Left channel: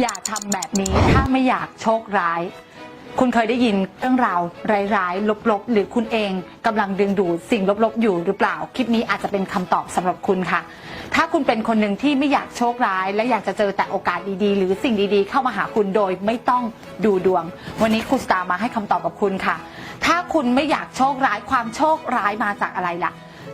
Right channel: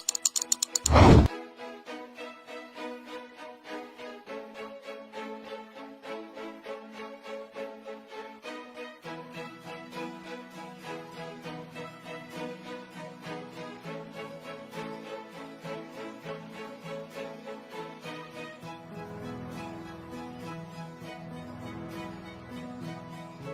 อย่าทำแบบนี้ถ้าไม่อยากโชคร้าย คุณเคยได้ยินเรื่องราวร้ายๆลบๆ หรือคุณเองกำลังดึงดูดสิ่งลบๆ อยู่หรือเปล่า คลิปนี้อาจจะเป็นคำตอบสำหรับคุณค่ะ ถ้าคุณเป็นคนหนึ่งที่ไม่อยากโชคร้าย และอยากจะเจอแต่โอกาสดีๆ หรือสิ่งดีๆ เข้ามาหาคุณโดยไม่ต้องดูดวง วันนี้คุณสตาร์มาให้คำตอบกับคุณค่ะ ถ้าคุณไม่อยากโชคร้ายความโชคร้ายมาจากอะไรล่ะ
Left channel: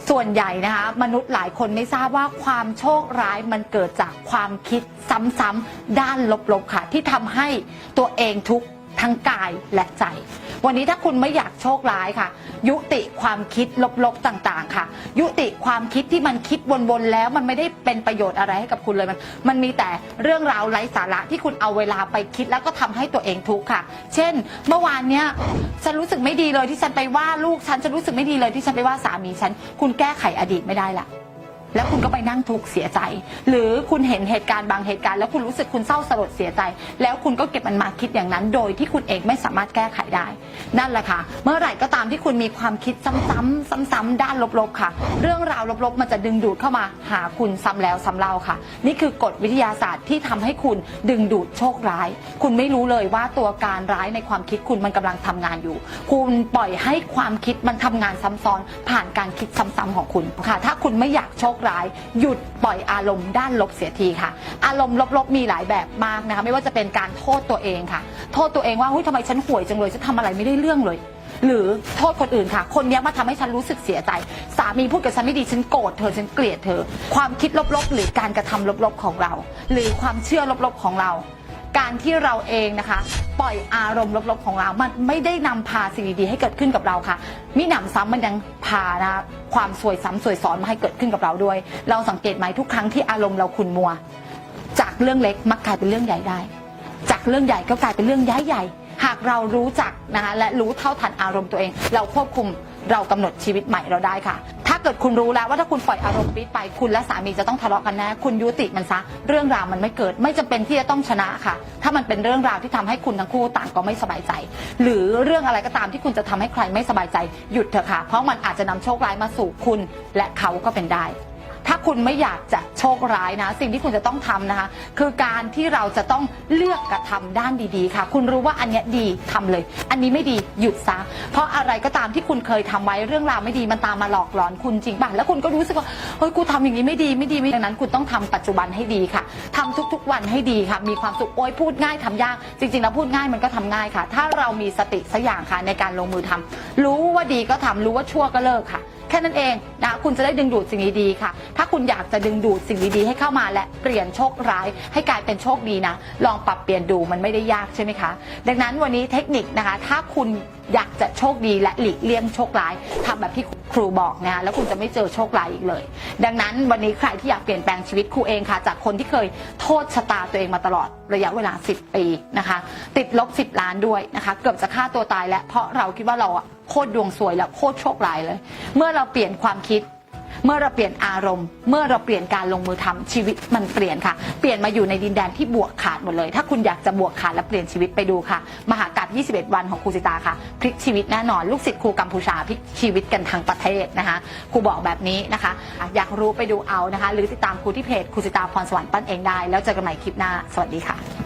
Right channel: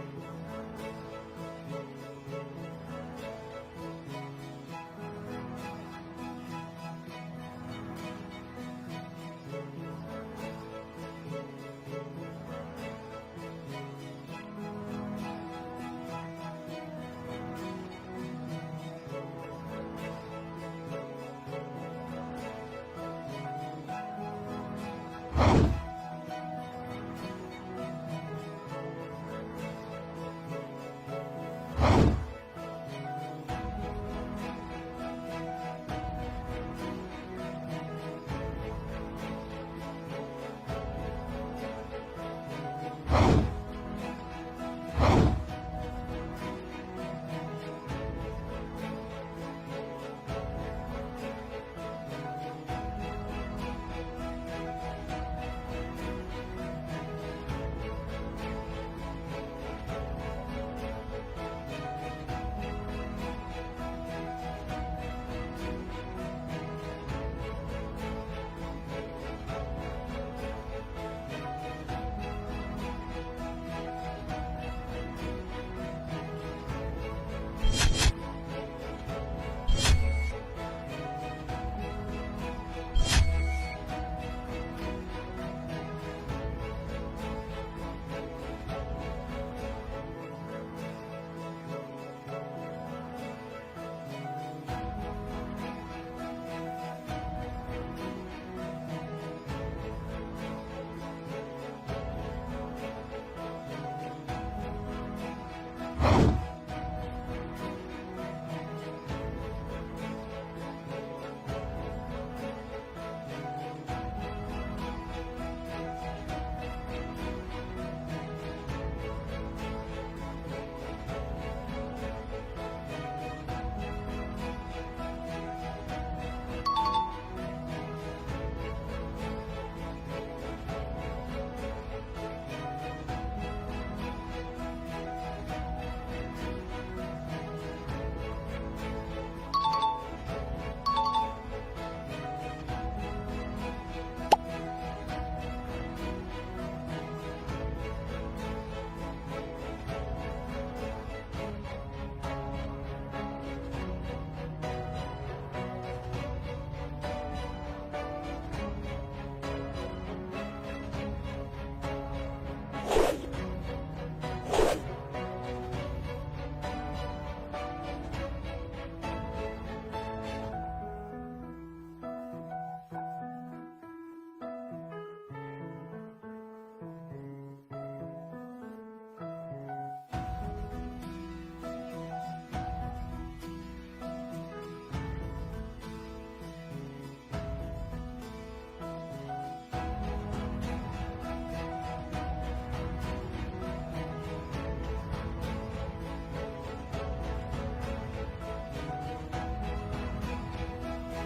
ส่วนใหญ่นะคะมนุษย์หลายคนไม่ทราบว่าความโชคร้ายมันเกิดจากความคิดซ้ำๆด้านลบๆค่ะ ที่ทำให้ตัวเองทุกข์ ทั้งกายและใจ วันนี้ถ้าคุณไม่อยากโชคร้ายค่ะ ยุติความคิดลบๆต่างๆ ค่ะ ยุติความคิดที่มันคิดวนๆแล้วมันไม่ได้เป็นประโยชน์อะไรให้กับคุณเลยมันมันมีแต่เรื่องราวไร้สาระที่คุณเอาเวลาไปคิดแล้วก็ทำให้ตัวเองทุกข์ค่ะ เช่น เมื่อวานเนี้ยฉันรู้สึกไม่ดีเลยที่ฉันไปว่าลูกฉันฉันรู้สึกไม่ดีเลยที่ฉันไปว่าสามีฉัน คุณแก้ไขอดีตไม่ได้ละ แล้วคุณก็ไปนั่งทุกข์เสียใจ หรือคุณเห็นเหตุการณ์บางเหตุการณ์แล้วคุณรู้สึกคุณเศร้าสลดเสียใจ แล้วคุณก็เก็บมันมาคิดอย่างนั้น โดยที่คุณเองไม่สามารถแก้ไขได้ นั่นแหละค่ะ เมื่อไหร่ก็ตามที่คุณมีความคิดซ้ำๆซ้ำๆด้านลบๆค่ะ เรื่องราวลบๆ มันจะดึงดูดเข้ามาหาคุณซ้ำแล้วซ้ำเล่าค่ะ นี่คือกฎวิทยาศาสตร์ที่ทำให้คุณดึงดูดโชคร้าย คุณไม่รู้เลยว่าตัวการร้ายในความคิดคุณมันกำลังทำงานอยู่ คุณปล่อยให้ความคิดมันทำงานซ้ำซ้อนผ่านการคิดซ้ำๆของคุณค่ะ ถ้าคุณไม่อยากโชคร้าย หยุดปล่อยอารมณ์ด้านลบเสียทีค่ะ อารมณ์ลบๆมีหลายแบบมากนะคะ ไม่ว่าจะเป็นการโทษตัวเองค่ะ โทษตัวเองว่าเฮ้ยทำไมฉันห่วยจังเลยฉันทำอะไรไม่ได้เรื่องเลย หรือโทษคนอื่นค่ะ คนนี้มาทำให้ฉันรู้สึกเสียใจ สามีพูดกับฉันไม่ดีฉันโกรธเธอฉันเกลียดเธอ ความคิดลบๆ หรือการกระทำลบๆของเรา หรือความเชื่อลบๆของเรา การที่เราเองนะคะ ปล่อยอารมณ์ลบๆของเรา มันไม่ได้นำพาสิ่งดีๆให้เกิดขึ้นกับเราค่ะ มิหนำซ้ำมันยังพานะความสวยซ้ำสวยซ้อนมาให้เกิดขึ้นกับเราด้วย เราสังเกตไหมทุกครั้งที่อารมณ์เราขุ่นมัว จากเรื่องเล็กมักกลายเป็นเรื่องใหญ่ได้ จากเรื่องใหญ่ก็กลายเป็นเรื่องย้ายใหญ่ หากเรารู้จักนะคะและรู้เท่าทันอารมณ์ตัวเอง เราควบคุม เรากำหนดชีวิตใหม่เราได้ค่ะ ถ้าเกิดคุณรู้แล้วว่าถ้าคุณปล่อยอารมณ์ปี๊ดไป คุณและสามีจะต้องทะเลาะกันแน่คุณยุติมันซะ เรื่องราวมันไม่เกิดไม่จำเป็นที่จะต้องชนะค่ะ ถ้ามันเป็นเรื่องราวที่ทำให้คุณทั้งคู่ต่างก็ไม่สบายใจ หรือเรื่องอะไรก็ตามที่คุณจะทำให้ใครไม่สบายใจหยุดเถอะค่ะเพราะมันอาจจะนำโชคร้ายมาสู่คุณ และเขาก็เป็นได้ ถ้าคุณไม่อยากจะโชคร้ายนะ สิ่งที่คุณจะต้องทำนะคะ คือการที่เราจะต้องเลือกกระทำด้านดีๆ ค่ะ คุณรู้ว่าอันเนี้ยดีทำเลย อันนี้ไม่ดีหยุดซะเพราะอะไรก็ตามที่คุณเคยทำไว้เรื่องราวไม่ดีมันตามมาหลอกหลอนคุณจริงป่ะแล้วคุณก็รู้สึกว่าเฮ้ยกูทำอย่างนี้ไม่ดีไม่ดีไม่ดีดังนั้น คุณต้องทำปัจจุบันให้ดีค่ะทำทุกๆวันให้ดีค่ะ มีความสุขโอ้ยพูดง่ายทำยาก จริงๆแล้วพูดง่ายมันก็ทำง่ายค่ะ ถ้าเรามีสติสักอย่างค่ะในการลงมือทำรู้ว่าดีก็ทำรู้ว่าชั่วก็เลิกค่ะ ค่นั้นเองนะคุณจะได้ดึงดูดสิ่งดีๆค่ะ ถ้าคุณอยากจะดึงดูดสิ่งดีๆให้เข้ามาและเปลี่ยนโชคร้าย ให้กลายเป็นโชคดีนะ ลองปรับเปลี่ยนดูมันไม่ได้ยากใช่ไหมคะ ดังนั้นวันนี้เทคนิคนะคะ ถ้าคุณอยากจะโชคดีและหลีกเลี่ยงโชคร้ายทำแบบที่ครูบอกนะแล้วคุณจะไม่เจอโชคร้ายอีกเลย ดังนั้นวันนี้ใครที่อยากเปลี่ยนแปลงชีวิตครูเองค่ะ จากคนที่เคยโทษชะตาตัวเองมาตลอดระยะเวลา 10 ปีนะคะ ติดลบ 10 ล้านด้วยนะคะ เกือบจะฆ่าตัวตายแล้วเพราะเราคิดว่าเราอะ โคตรดวงสวยแล้วโคตรโชคร้ายเลย เมื่อเราเปลี่ยนความคิด เมื่อเราเปลี่ยนอารมณ์ เมื่อเราเปลี่ยนการลงมือทำชีวิตมันเปลี่ยนค่ะ เปลี่ยนมาอยู่ในดินแดนที่บวกขาดหมดเลย ถ้าคุณอยากจะบวกขาดและเปลี่ยนชีวิตไปดูค่ะ มหากาบ21 วันของครูสิตาค่ะพลิกชีวิตแน่นอนลูกศิษย์ครูกัมพูชาพลิกชีวิตกันทั้งประเทศนะคะครูบอกแบบนี้นะคะ อยากรู้ไปดูเอานะคะ หรือติดตามครูที่เพจครูสิตาพรสวรรค์ปั้นเองได้ แล้วเจอกันใหม่คลิปหน้าสวัสดีค่ะ